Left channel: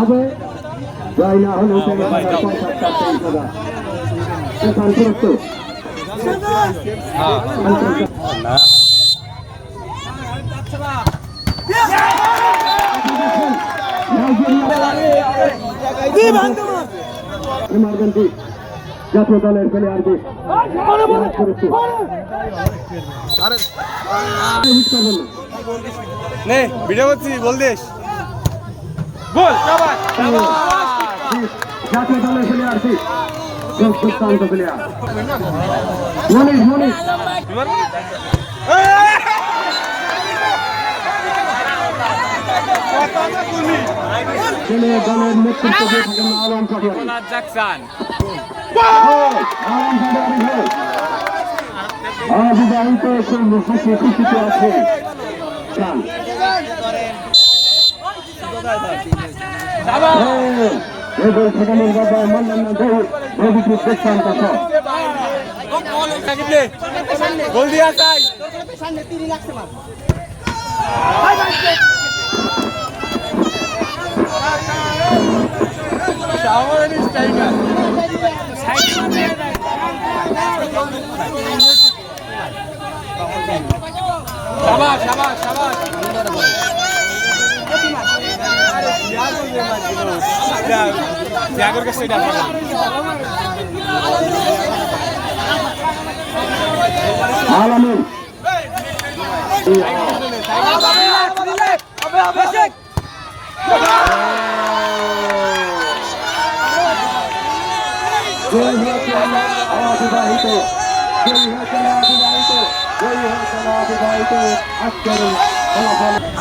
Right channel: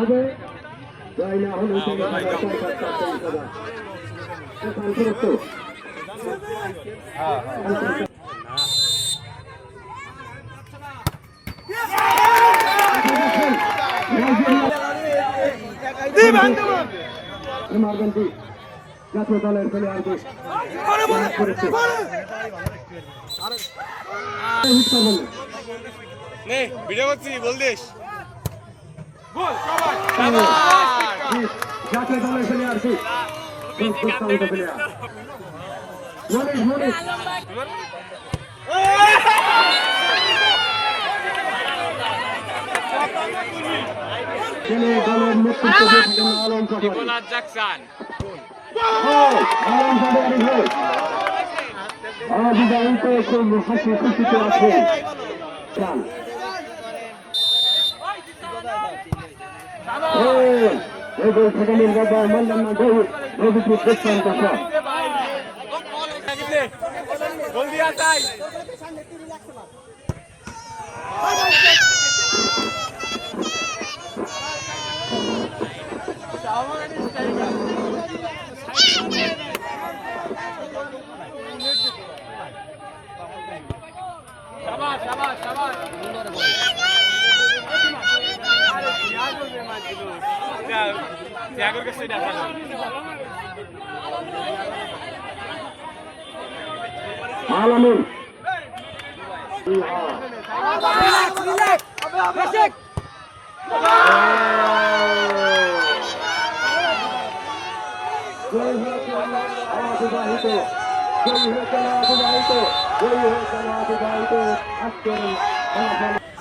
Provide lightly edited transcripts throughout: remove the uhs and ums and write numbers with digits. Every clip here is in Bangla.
হবে যাই না হলো ইমার্জেন্সি জাতীয় দলের প্লেয়ারদের ভিডিও করছি বল দেশ জাতীয় দলের প্লেয়ারটি দুর্দান্ত প্লেয়ার মনিশ মনিশ দলের নেতৃত্ব দিয়ে থাকেন আলম পাটোয়ারি অবিবাহিত খুশিতে আছেন সেখানে বাবা মন্ডল ভবিষ্যৎ দৃষ্টান্ত বল দিয়া চাই শাবাশ শাবাশ শাবাশ ত্যাগের কাছে আলামিন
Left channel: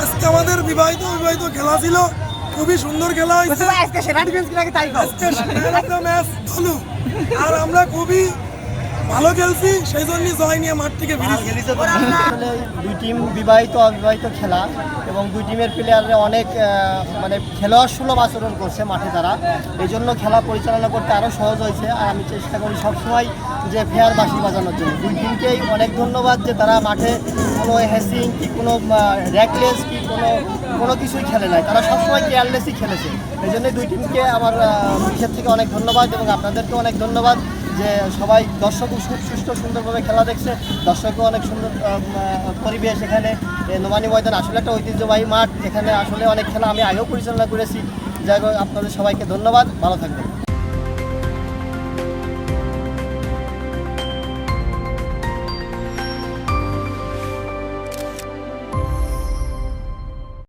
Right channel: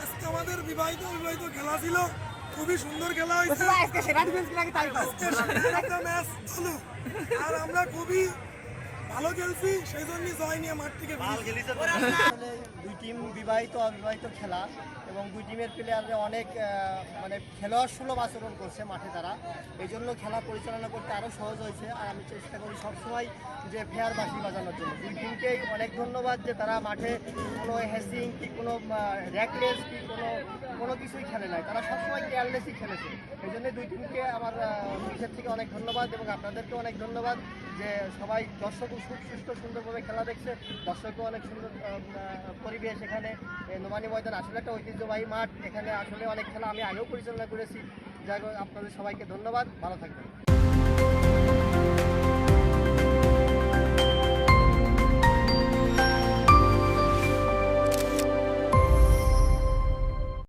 আজকে আমাদের বিবাহিত খেলা ছিল, খুবই সুন্দর খেলা হয়েছে। আর আমরা খুবই ভালো খেলছি, সেই জন্যই জয় নিয়ে মাঠ থেকে বেরিয়েছি। আসলে দুই টিম বিবাহিত অবিবাহিত খেলা এবং দুই টিমের প্লেয়াররা অনেক মানে খেলোয়াড় সুলভ আচরণ করছে মাঠে তারা, এই জন্য খেলা পরিচালনা করতে আরও সহজ হয়েছে। আর আমি চেষ্টা করি সবসময় যে ফেয়ার বাঁশি বাজানোর জন্য। দুই টিমকেই অনেক ধন্যবাদ যে তারা মাঠে কোনো হ্যাসিং কি কোনো র্যাকলেস কি কোনো কিছুই খেলে নাই, তারা সবসময় কেয়ারলেসই খেলেছে। এই জন্যই দুই টিমকে আমার বিশেষ থেকে অনেক ধন্যবাদ এবং আপনাদেরকেও অনেক ধন্যবাদ যে সবাই দর্শকও সুষ্ঠু সুন্দরভাবে খেলা দেখছে। দর্শকও অনেক সুন্দর পরিবেশ এখানে। নোমানী ময়দান আসলে একটা ঐতিহ্যবাহী মাঠ, এখানে আসলে অনেক খেলা আমি আগেও পরিচালনা করেছি। যাই হোক, আপনাদের সবাইকে ধন্যবাদ, ভালো থাকবেন।